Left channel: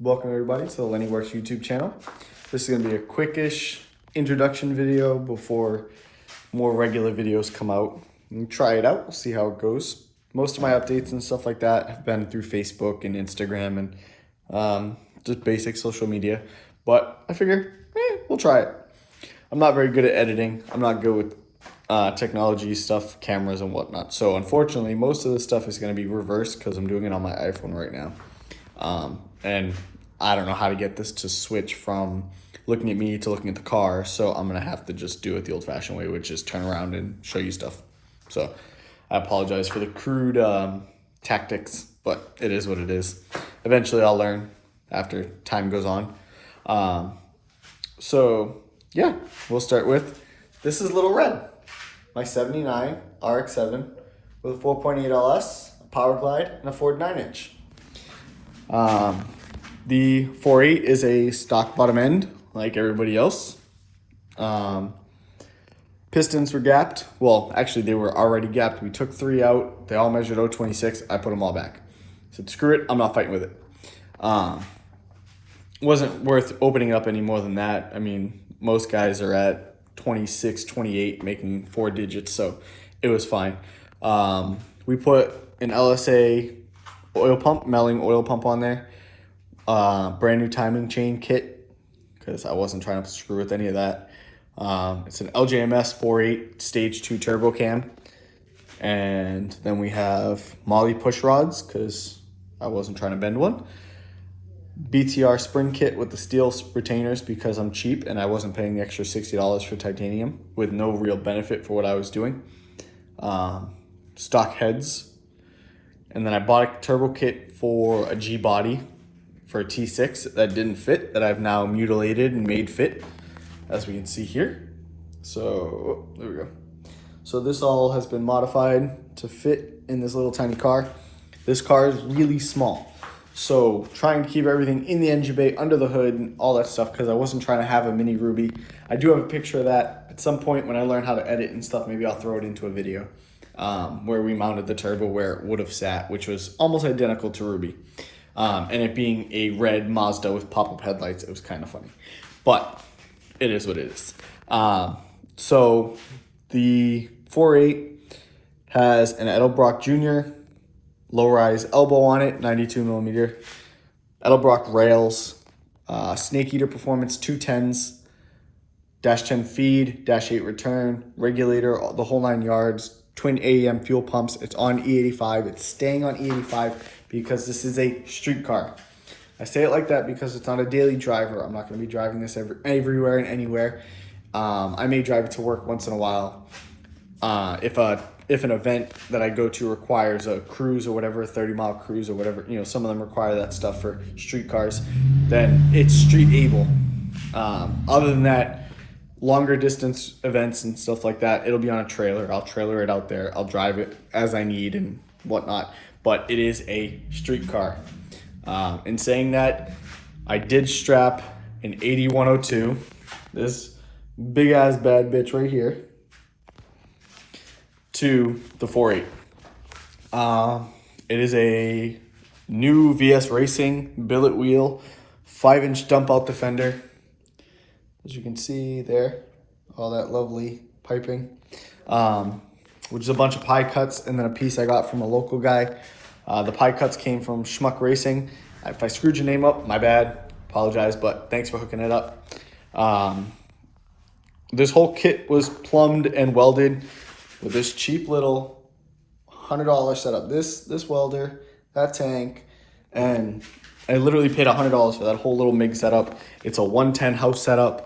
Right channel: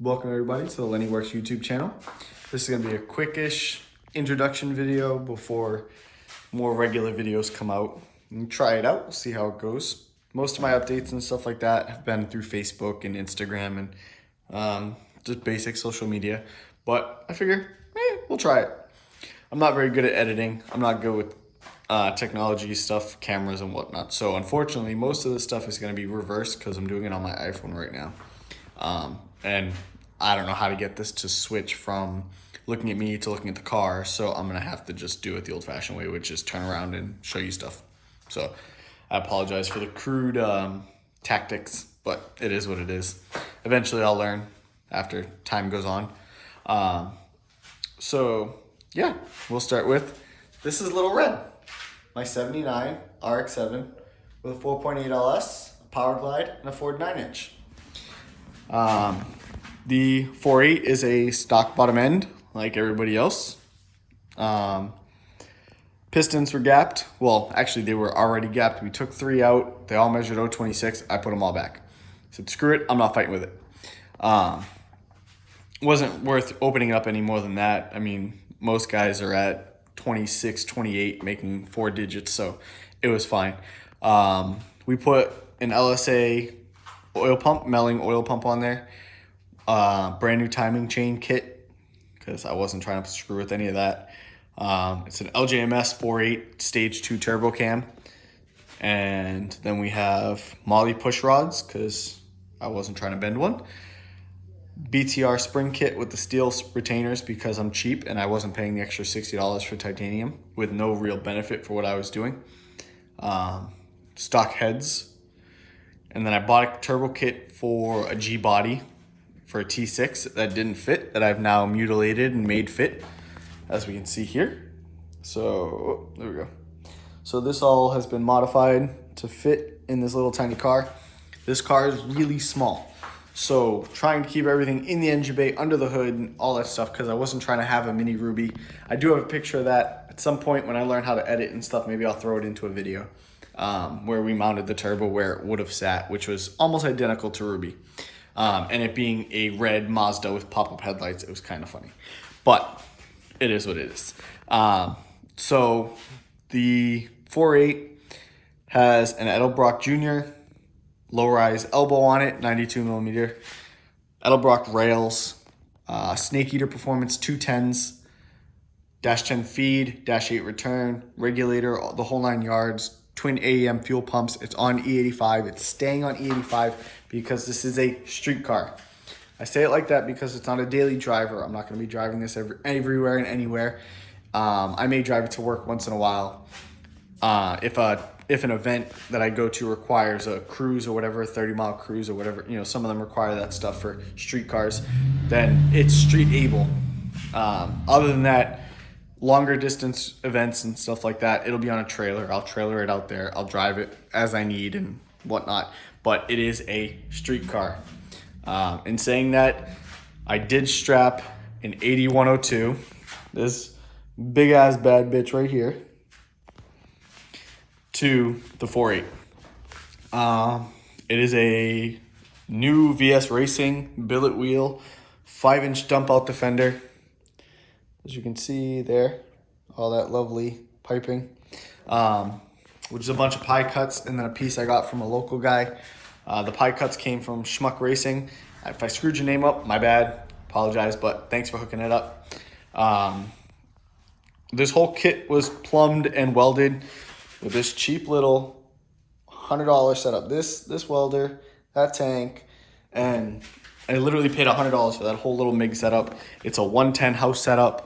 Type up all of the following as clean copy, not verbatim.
Welcome everybody to the Lenny Works YouTube channel. This is going to be a quickish introduction video before more regular videos come out. Try it out, we'll see how it goes. Most of my updates and stuff like that have been through Facebook and Instagram and just basic social media. But I figure, we'll try it. I'm not very good at editing. I'm not good with technology stuff, cameras and whatnot. So unfortunately, most of this stuff is going to be reversed because I'm doing it on my iPhone right now. And I don't know how to get this to switch from looking at me to looking at the car. So I'm going to have to just do it the old fashioned way, which is turn around and show you stuff. So I apologize for the crude tactics, but it is what it is. Eventually I'll learn after time goes on. So yeah, we'll start with, this is Little Red, my 79 RX-7 with a 4.8 LS, a Power Glide, and a Ford 9-inch. The 4.8 is a stock bottom end, like everybody else. Pistons were gapped. Well, actually, they were already gapped. We took 3 out. They all measured 0.26. I put them all back. I said, screw it. I'm not fighting with it. Wasn't worth opening up any more than that. I mean, most guys are at 26, 28, making 4 digits, so it was fine. We put an LSA oil pump, Melling oil pump on there. Brand new timing chain kit, because I wasn't trying to screw with any of that. It's an LJMS 4.8 stage 2 turbo cam. And then we have Molly push rods, because I wasn't trying to bend one. BTR spring kit with the steel retainers, because I'm cheap and I wasn't paying the extra $60 for titanium with no real benefit for what I was doing. Stock heads. And then I bought a turbo kit for a G body for a T6 that didn't fit, that I've now mutilated and made fit, as we can see here. So there we go. So this all has been modified to fit in this little tiny car. This car is really small, so trying to keep everything in the engine bay, under the hood, and all that stuff, because I wasn't trying to have a mini Ruby. I do have a picture of that at some point when I learn how to edit and stuff. Maybe I'll throw it into a video where we mounted the turbo where it would have sat, which was almost identical to Ruby. And it being a red Mazda with pop-up headlights, it was kind of funny. But it is what it is. So the 4.8 has an Edelbrock Jr. low-rise elbow on it, 92 millimeter. Edelbrock rails, Snake Eater Performance 210s, dash 10 feed, dash 8 return, regulator, the whole 9 yards, twin AEM fuel pumps. It's on E85. It's staying on E85 because this is a street car. I say it like that because it's not a daily driver. I'm not going to be driving this everywhere and anywhere. I may drive it to work once in a while. If an event that I go to requires a cruise or whatever, a 30-mile cruise or whatever, you know, some of them require that stuff for street cars, then it's street able. Other than that, longer distance events and stuff like that, it'll be on a trailer. I'll trailer it out there. I'll drive it as I need and whatnot. But it is a street car. In saying that, I did strap an 8102, this big ass bad bitch right here, to the 4.8. It is a new VS Racing billet wheel, 5-inch dump out defender. As you can see there, all that lovely piping, which is a bunch of pie cuts and then a piece I got from a local guy. The pie cuts came from Schmuck Racing. If I screwed your name up, my bad. Apologize, but thanks for hooking it up. This whole kit was plumbed and welded with this cheap little $100 setup. This welder, that tank, and I literally paid $100 for that whole little MIG setup. It's a 110 house setup.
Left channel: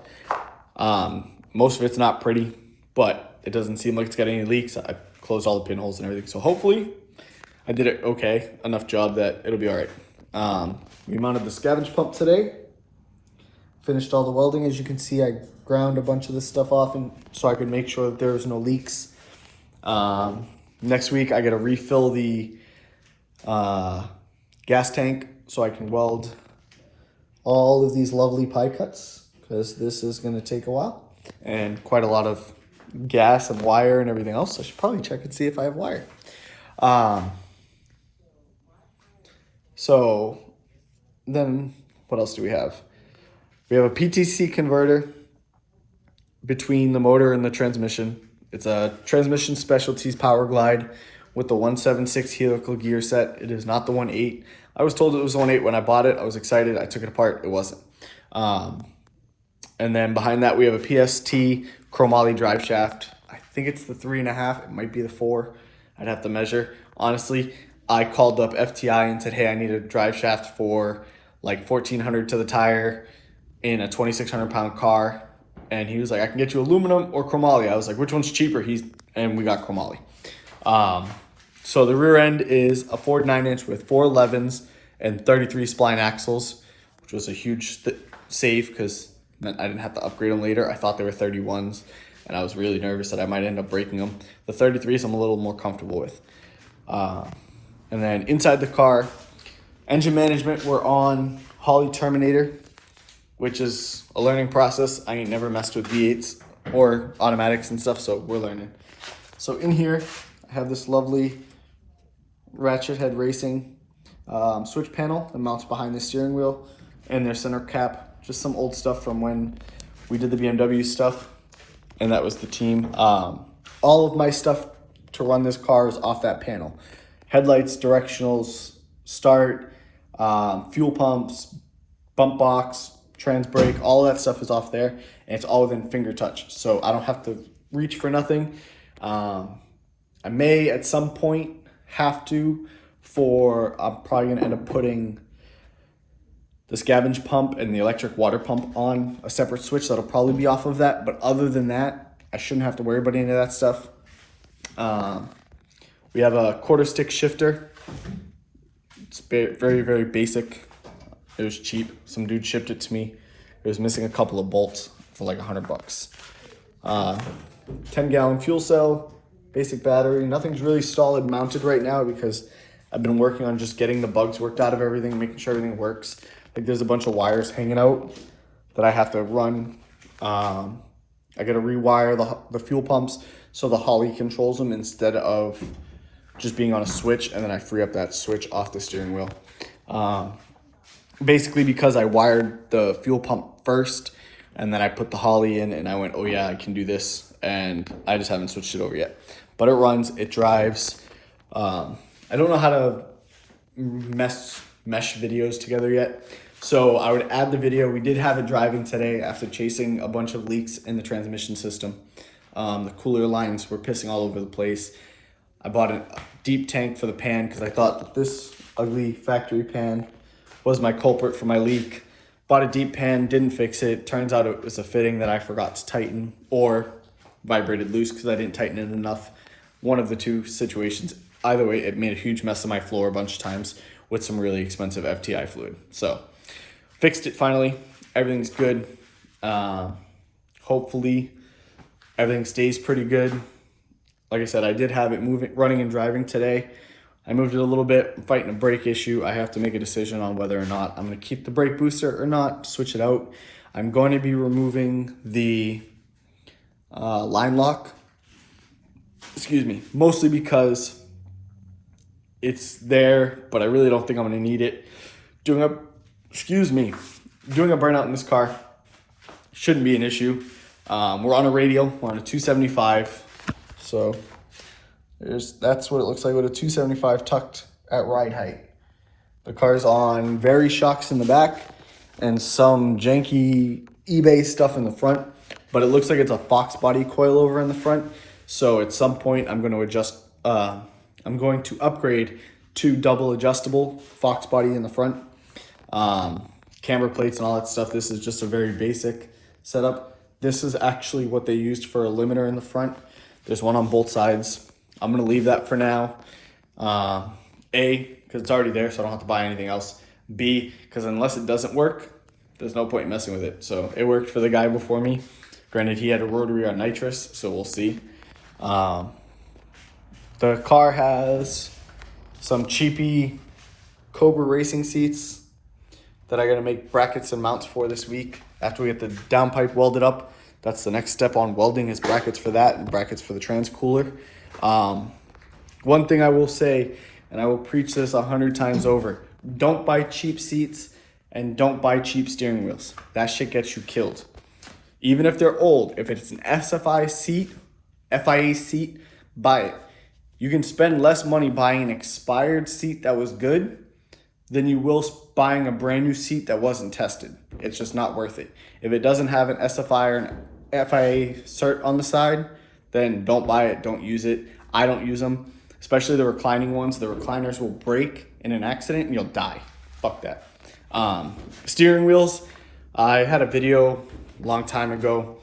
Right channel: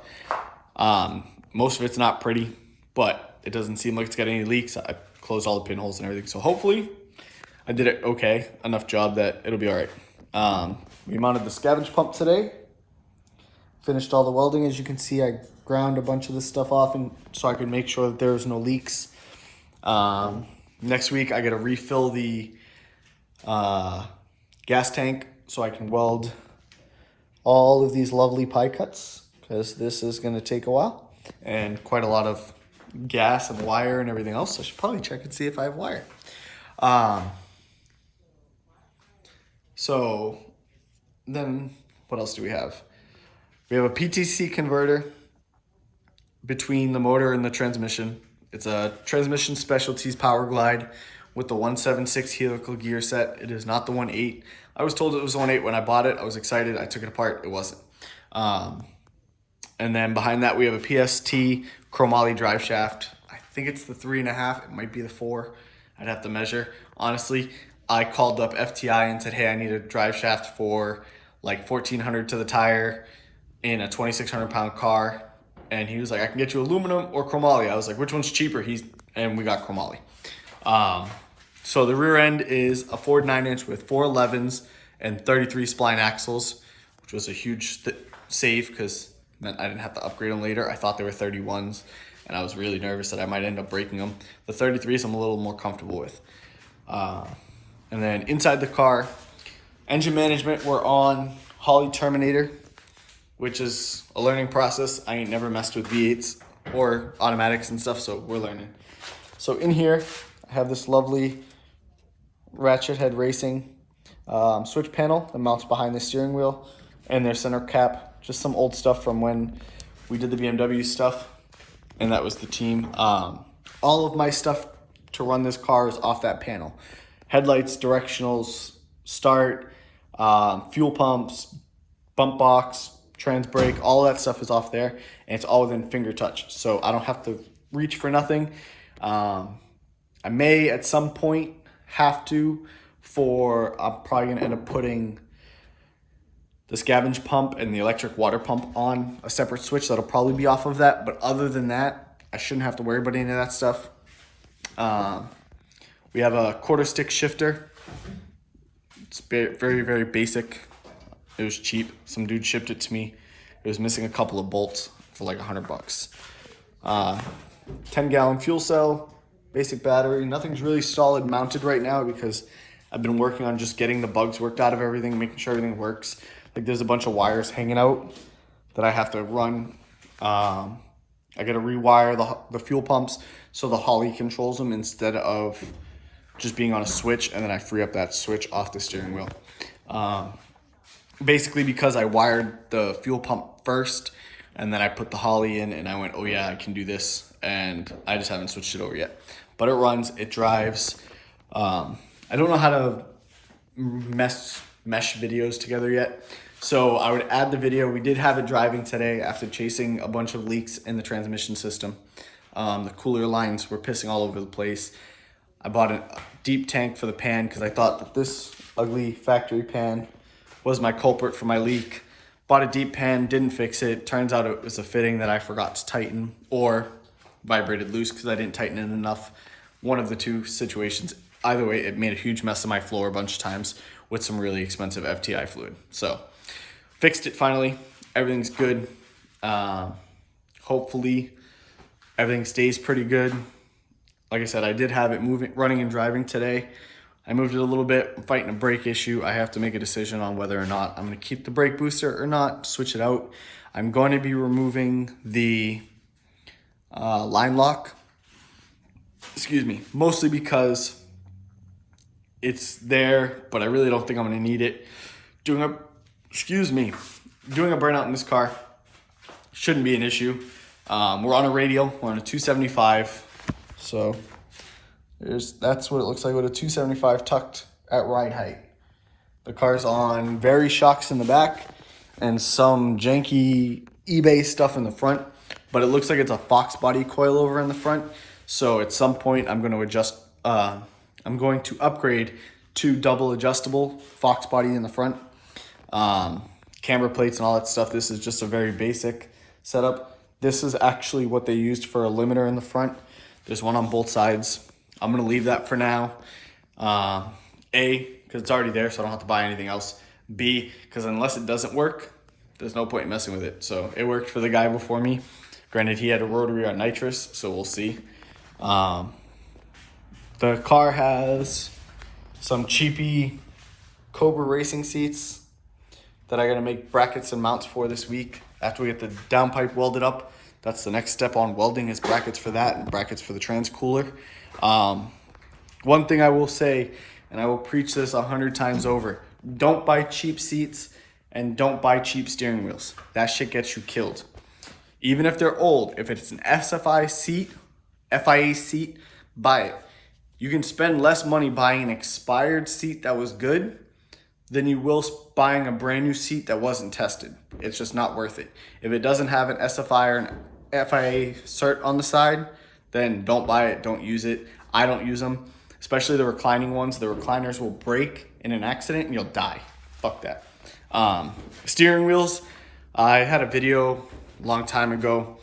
Most of it's not pretty, but it doesn't seem like it's got any leaks. I closed all the pinholes and everything, so hopefully I did it okay. Enough job that it'll be all right. We mounted the scavenge pump today. Finished all the welding. As you can see, I ground a bunch of this stuff off and so I could make sure that there's no leaks. Next week, I got to refill the gas tank so I can weld all of these lovely pie cuts, because this is going to take a while and quite a lot of gas and wire and everything else. I should probably check and see if I have wire. So then What else do we have? We have a PTC converter between the motor and the transmission. It's a Transmission Specialties Power Glide with the 176 helical gear set. It is not the 1.8. I was told it was 1.8 when I bought it. I was excited. I took it apart. It wasn't. And then behind that, we have a PST chromoly drive shaft. I think it's the 3.5. It might be the 4. I'd have to measure. Honestly, I called up FTI and said, hey, I need a drive shaft for like $1,400 to the tire in a 2,600 pound car. And he was like, I can get you aluminum or chromoly. I was like, which one's cheaper? And we got chromoly. So the rear end is a Ford 9-inch with 4 11s and 33 spline axles, which was a huge save because meant I didn't have to upgrade them later. I thought they were 31s, and I was really nervous that I might end up breaking them. The 33s I'm a little more comfortable with. And then inside the car, engine management, we're on Holley Terminator, which is a learning process. I ain't never messed with V8s or automatics and stuff, so we're learning. So in here, I have this lovely Ratchet Head Racing switch panel that mounts behind the steering wheel, and their center cap, just some old stuff from when we did the BMW stuff, and that was the team. All of my stuff to run this car is off that panel. Headlights, directionals, start, fuel pumps, bump box, trans brake, all of that stuff is off there, and it's all within finger touch, so I don't have to reach for nothing. I may at some point have to I'm probably gonna end up putting the scavenge pump and the electric water pump on a separate switch that'll probably be off of that, but other than that, I shouldn't have to worry about any of that stuff. We have a quarter stick shifter. It's very, very basic. It was cheap. Some dude shipped it to me. It was missing a couple of bolts for like $100. 10-gallon fuel cell, basic battery. Nothing's really solid mounted right now because I've been working on just getting the bugs worked out of everything, making sure everything works. Like there's a bunch of wires hanging out that I have to run. I got to rewire the fuel pumps so the Holley controls them instead of just being on a switch, and then I free up that switch off the steering wheel. Basically because I wired the fuel pump first, and then I put the Holley in, and I went, oh yeah, I can do this, and I just haven't switched it over yet. But it runs, it drives. I don't know how to mesh videos together yet, so I would add the video. We did have it driving today after chasing a bunch of leaks in the transmission system. The cooler lines were pissing all over the place. I bought a deep tank for the pan because I thought that this ugly factory pan was my culprit for my leak. Bought a deep pan, didn't fix it. Turns out it was a fitting that I forgot to tighten or vibrated loose because I didn't tighten it enough. One of the two situations. Either way, it made a huge mess of my floor a bunch of times with some really expensive FTI fluid. So fixed it finally. Everything's good. Hopefully everything stays pretty good. Like I said, I did have it running and driving today. I moved it a little bit. I'm fighting a brake issue. I have to make a decision on whether or not I'm going to keep the brake booster or not, switch it out. I'm going to be removing the line lock. Excuse me. Mostly because it's there, but I really don't think I'm going to need it. Doing a burnout in this car shouldn't be an issue. We're on a radial. We're on a 275. So that's what it looks like with a 275 tucked at ride height. The car's on very shocks in the back and some janky eBay stuff in the front, but it looks like it's a Fox body coilover in the front. So at some point I'm going to upgrade to double adjustable Fox body in the front. Camber plates and all that stuff. This is just a very basic setup. This is actually what they used for a limiter in the front. There's one on both sides. I'm going to leave that for now. A, because it's already there, so I don't have to buy anything else. B, because unless it doesn't work, there's no point in messing with it. So it worked for the guy before me. Granted, he had a rotary on nitrous, so we'll see. The car has some cheapy Cobra racing seats that I got to make brackets and mounts for this week. After we get the downpipe welded up, that's the next step on welding, is brackets for that and brackets for the transcooler. One thing I will say, and I will preach this 100 times over, don't buy cheap seats And don't buy cheap steering wheels. That shit gets you killed. Even if they're old, if it's an FIA seat, buy it. You can spend less money buying an expired seat that was good than you will buying a brand new seat that wasn't tested. It's just not worth it. If it doesn't have an SFI or an FIA cert on the side, then don't buy it, don't use it. I don't use them, especially the reclining ones. The recliners will break in an accident and you'll die. Fuck that. Steering wheels, I had a video a long time ago.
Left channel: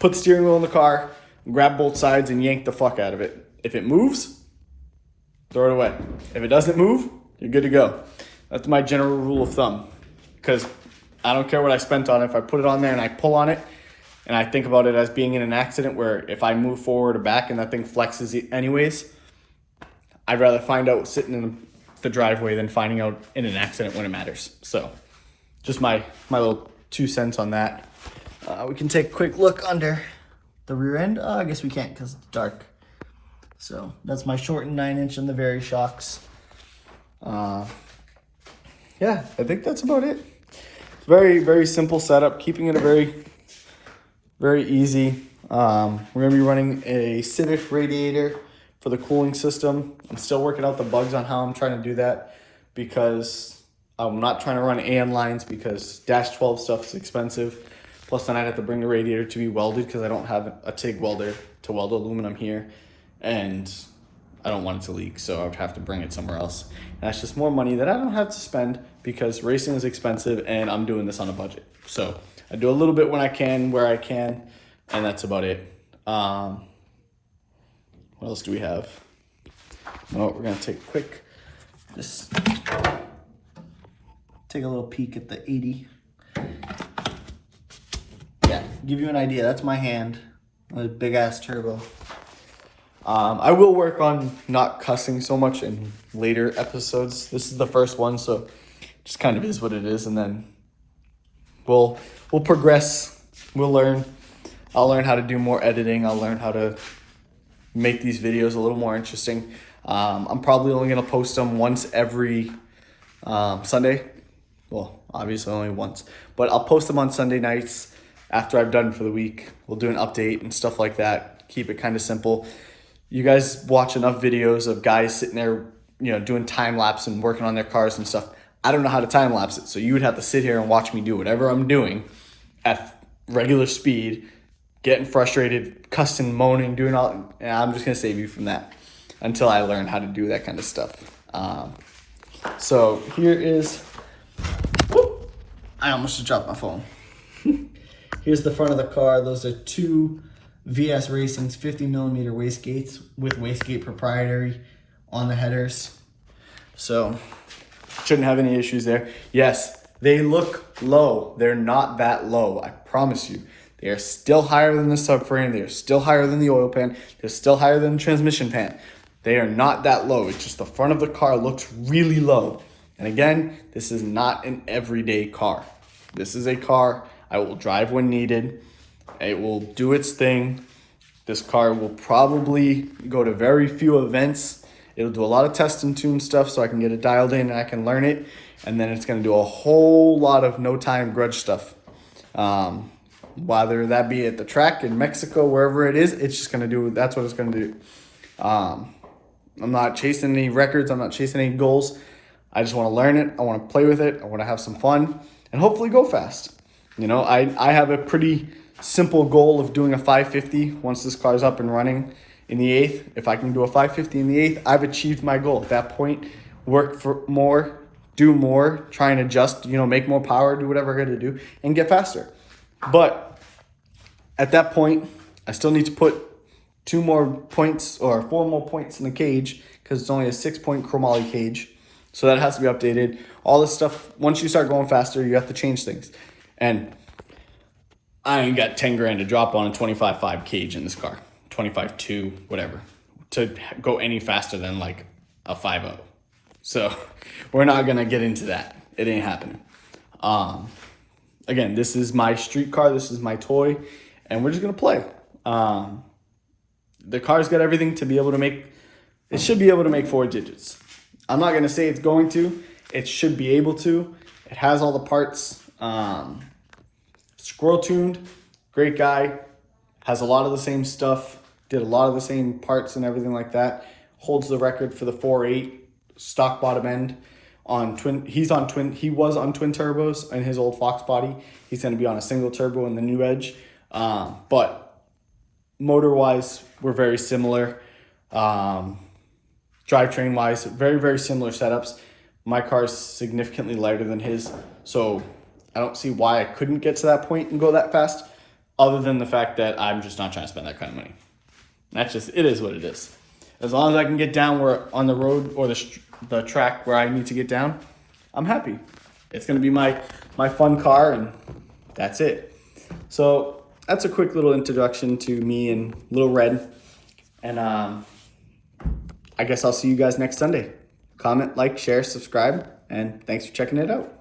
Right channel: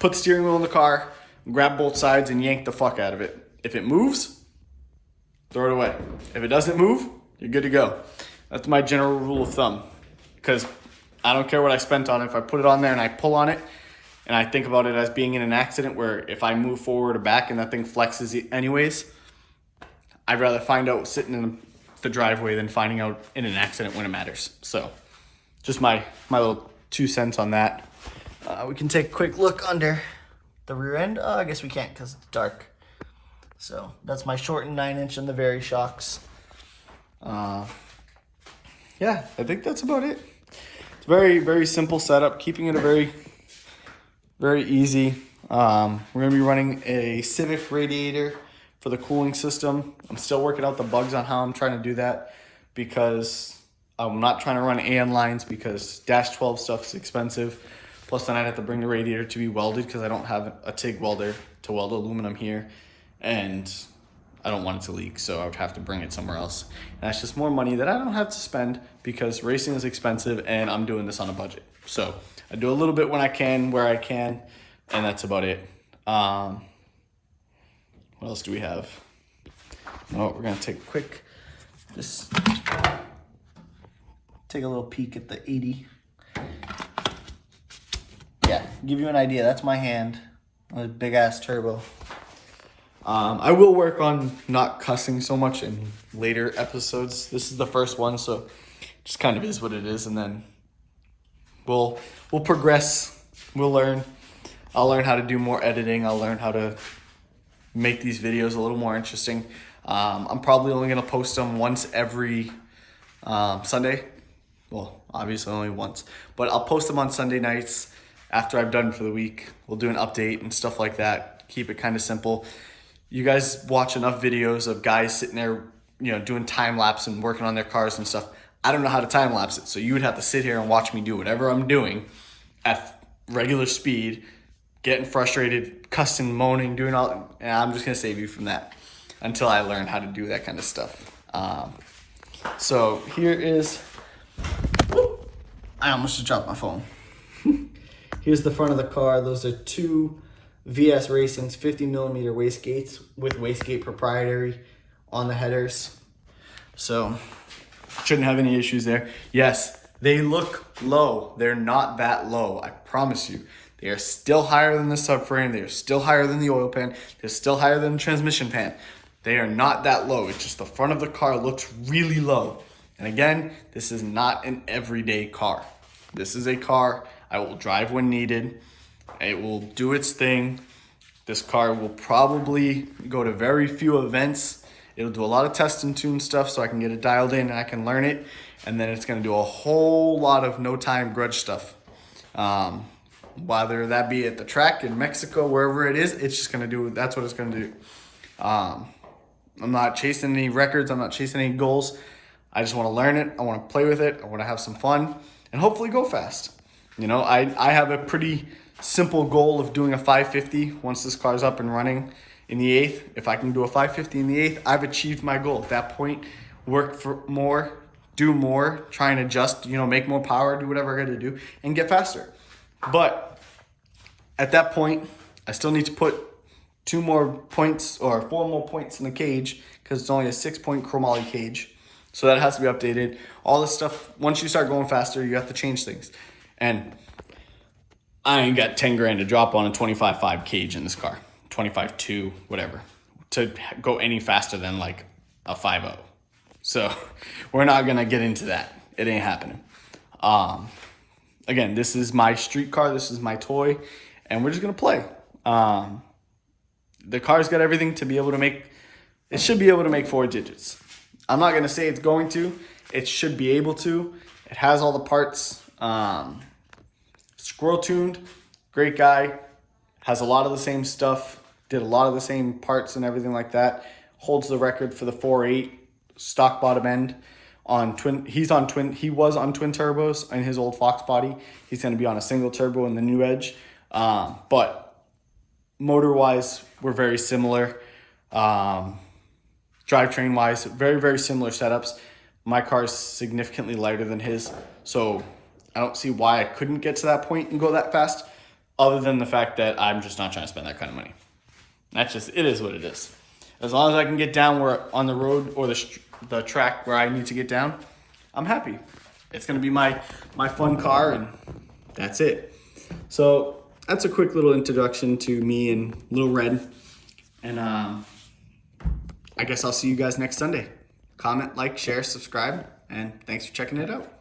Put the steering wheel in the car, grab both sides and yank the fuck out of it. If it moves, throw it away. If it doesn't move, you're good to go. That's my general rule of thumb, because I don't care what I spent on it. If I put it on there and I pull on it and I think about it as being in an accident where if I move forward or back and that thing flexes anyways, I'd rather find out sitting in the driveway than finding out in an accident when it matters. So just my little 2 cents on that. We can take a quick look under the rear end. Oh, I guess we can't because it's dark. So that's my shortened 9-inch and the Very shocks. Yeah, I think that's about it. It's very, very simple setup, keeping it a very easy. We're gonna be running a Civic radiator for the cooling system. I'm still working out the bugs on how I'm trying to do that, because I'm not trying to run AN lines because Dash 12 stuff is expensive. Plus then I'd have to bring the radiator to be welded because I don't have a TIG welder to weld aluminum here. And I don't want it to leak, so I would have to bring it somewhere else. And that's just more money that I don't have to spend because racing is expensive and I'm doing this on a budget. So I do a little bit when I can, where I can, and that's about it. What else do we have? You know what, we're gonna take a quick, just take a little peek at the 80. Yeah, give you an idea, that's my hand with big ass turbo. I will work on not cussing so much in later episodes. This is the first one, so just kind of is what it is, and then we'll progress. We'll learn. I'll learn how to do more editing. I'll learn how to make these videos a little more interesting. I'm probably only going to post them once every Sunday. Well, obviously only once, but I'll post them on Sunday nights after I've done for the week. We'll do an update and stuff like that. Keep it kind of simple. You guys watch enough videos of guys sitting there, you know, doing time lapse and working on their cars and stuff. I don't know how to time lapse it, so you would have to sit here and watch me do whatever I'm doing at regular speed, getting frustrated, cussing, moaning, doing all, and I'm just gonna save you from that until I learn how to do that kind of stuff. So here is, whoop, I almost just dropped my phone. Here's the front of the car. Those are 2 VS Racing's 50mm wastegates with wastegate proprietary on the headers. So shouldn't have any issues there. Yes, they look low. They're not that low, I promise you. They are still higher than the subframe. They are still higher than the oil pan. They're still higher than the transmission pan. They are not that low. It's just the front of the car looks really low. And again, this is not an everyday car. This is a car I will drive when needed. It will do its thing. This car will probably go to very few events. It'll do a lot of test and tune stuff so I can get it dialed in and I can learn it. And then it's going to do a whole lot of no time grudge stuff. Whether that be at the track in Mexico, wherever it is, it's just going to do, that's what it's going to do. I'm not chasing any records. I'm not chasing any goals. I just want to learn it. I want to play with it. I want to have some fun and hopefully go fast. You know, I have a pretty simple goal of doing a 550 once this car's up and running in the 8th. If I can do a 550 in the 8th, I've achieved my goal. At that point, work for more, do more, try and adjust, you know, make more power, do whatever I got to do, and get faster. But at that point, I still need to put 2 more points or 4 more points in the cage because it's only a 6-point chromoly cage. So that has to be updated. All this stuff, once you start going faster, you have to change things. And I ain't got 10 grand to drop on a 25.5 cage in this car. 25.2, whatever, to go any faster than like a 5.0. So we're not going to get into that. It ain't happening. Again, this is my street car. This is my toy. And we're just going to play. The car's got everything to be able to make, it should be able to make 4 digits. I'm not going to say it's going to. it should be able to. It has all the parts. Squirrel tuned, great guy, has a lot of the same stuff, did a lot of the same parts and everything like that. Holds the record for the 4.8 stock bottom end on twin. He was on twin turbos in his old Fox body. He's going to be on a single turbo in the new Edge. But motor wise, we're very similar. Drivetrain wise, very, very similar setups. My car is significantly lighter than his, so I don't see why I couldn't get to that point and go that fast, other than the fact that I'm just not trying to spend that kind of money. It is what it is. As long as I can get down where on the road or the track where I need to get down, I'm happy. It's going to be my fun car, and that's it. So that's a quick little introduction to me and Little Red. And I guess I'll see you guys next Sunday. Comment, like, share, subscribe, and thanks for checking it out.